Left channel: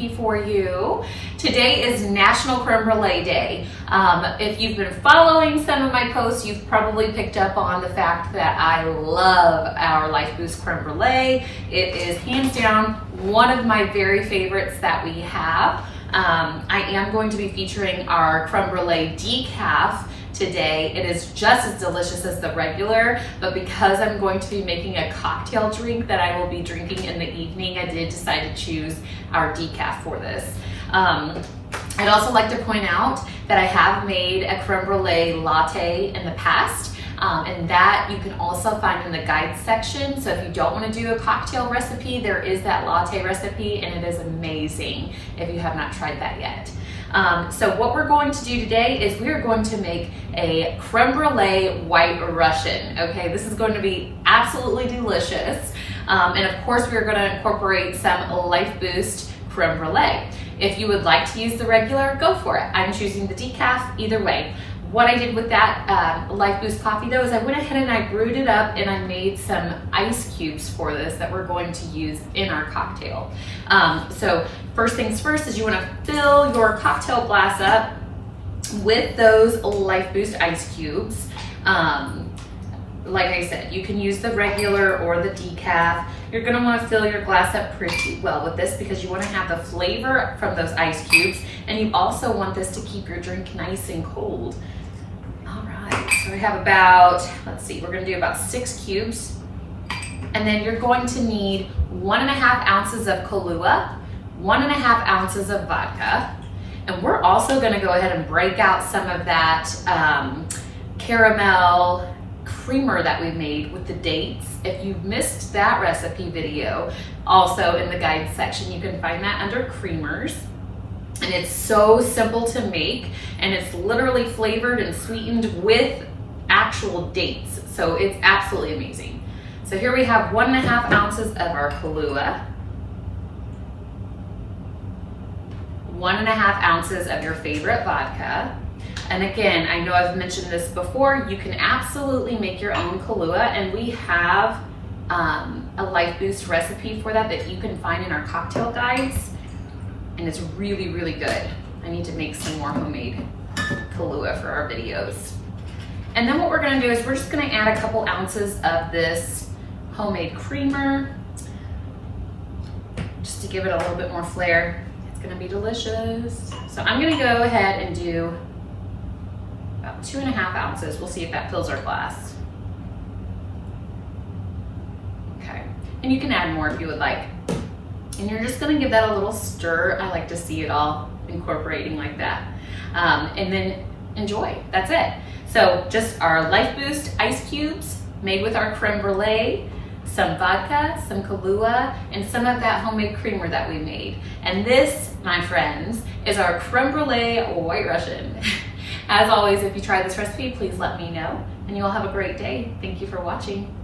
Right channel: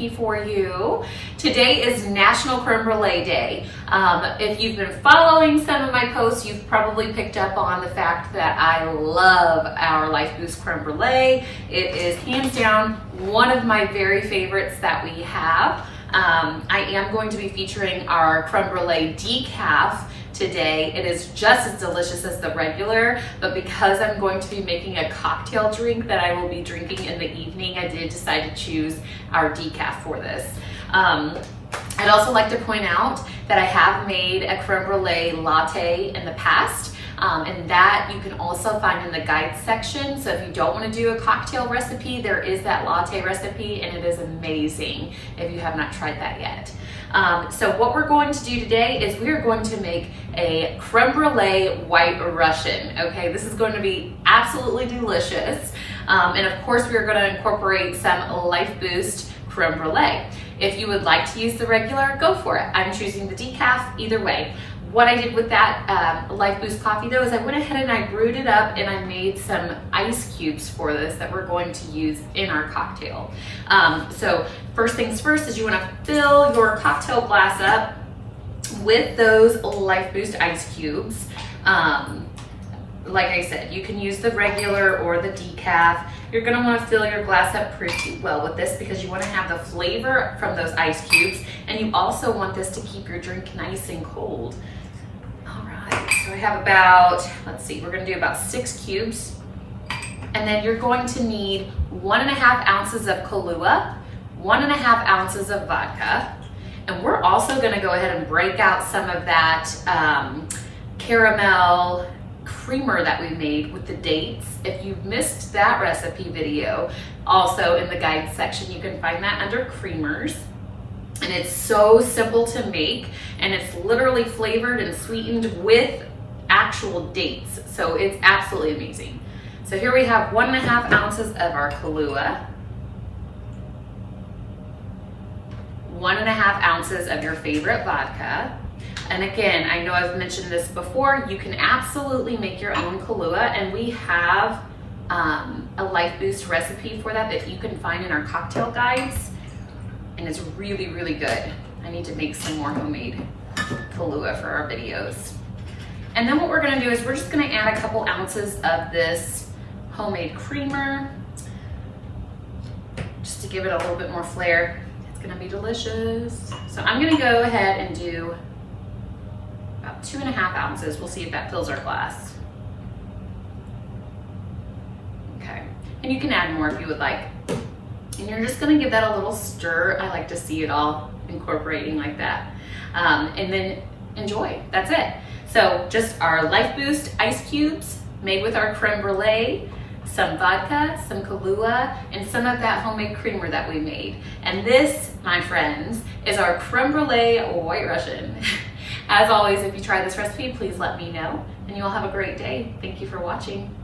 recipe for you. Today is National Creme Brulee Day. If you've been following some of my posts, you've probably picked up on the fact that I love our LifeBoost Creme Brulee. It is hands down one of my very favorites that we have. I am going to be featuring our Creme Brulee decaf today. It is just as delicious as the regular, but because I'm going to be making a cocktail drink that I will be drinking in the evening, I did decide to choose our decaf for this. I'd also like to point out that I have made a creme brulee latte in the past, and that you can also find in the guide section. So if you don't want to do a cocktail recipe, there is that latte recipe, and it is amazing if you have not tried that yet. So what we're going to do today is we are going to make a creme brulee white Russian. Okay, this is going to be absolutely delicious. And of course, we are going to incorporate some LifeBoost creme brulee. If you would like to use the regular, go for it. I'm choosing the decaf either way. What I did with that LifeBoost coffee though is I went ahead and I brewed it up and I made some ice cubes for this that we're going to use in our cocktail. So first things first is you want to fill your cocktail glass up with those LifeBoost ice cubes. Like I said, you can use the regular or the decaf. You're gonna wanna fill your glass up pretty well with this because you wanna have the flavor from those ice cubes, and you also want this to keep your drink nice and cold. All right, so we have about, let's see, we're gonna do about 6 cubes. And then you're going to need 1.5 ounces of Kahlua, 1.5 ounces of vodka. And we're also gonna go ahead and break out some of that caramel creamer that we made with the dates. If you missed that recipe video, also in the guide section, you can find that under creamers. And it's so simple to make, and it's literally flavored and sweetened with actual dates. So it's absolutely amazing. So here we have 1.5 ounces of our Kahlua, 1.5 ounces of your favorite vodka. And again, I know I've mentioned this before, you can absolutely make your own Kahlua, and we have a LifeBoost recipe for that that you can find in our cocktail guides, and it's really, really good. I need to make some more homemade Kahlua for our videos. And then what we're gonna do is we're just gonna add a couple ounces of this homemade creamer, just to give it a little bit more flair. It's gonna be delicious. So I'm gonna go ahead and do about 2.5 ounces. We'll see if that fills our glass. Okay, and you can add more if you would like. And you're just gonna give that a little stir. I like to see it all incorporating like that. And then enjoy, that's it. So just our LifeBoost ice cubes made with our creme brulee, some vodka, some Kahlua, and some of that homemade creamer that we made. And this, my friends, is our creme brulee white Russian. As always, if you try this recipe, please let me know, and you all have a great day. Thank you for watching.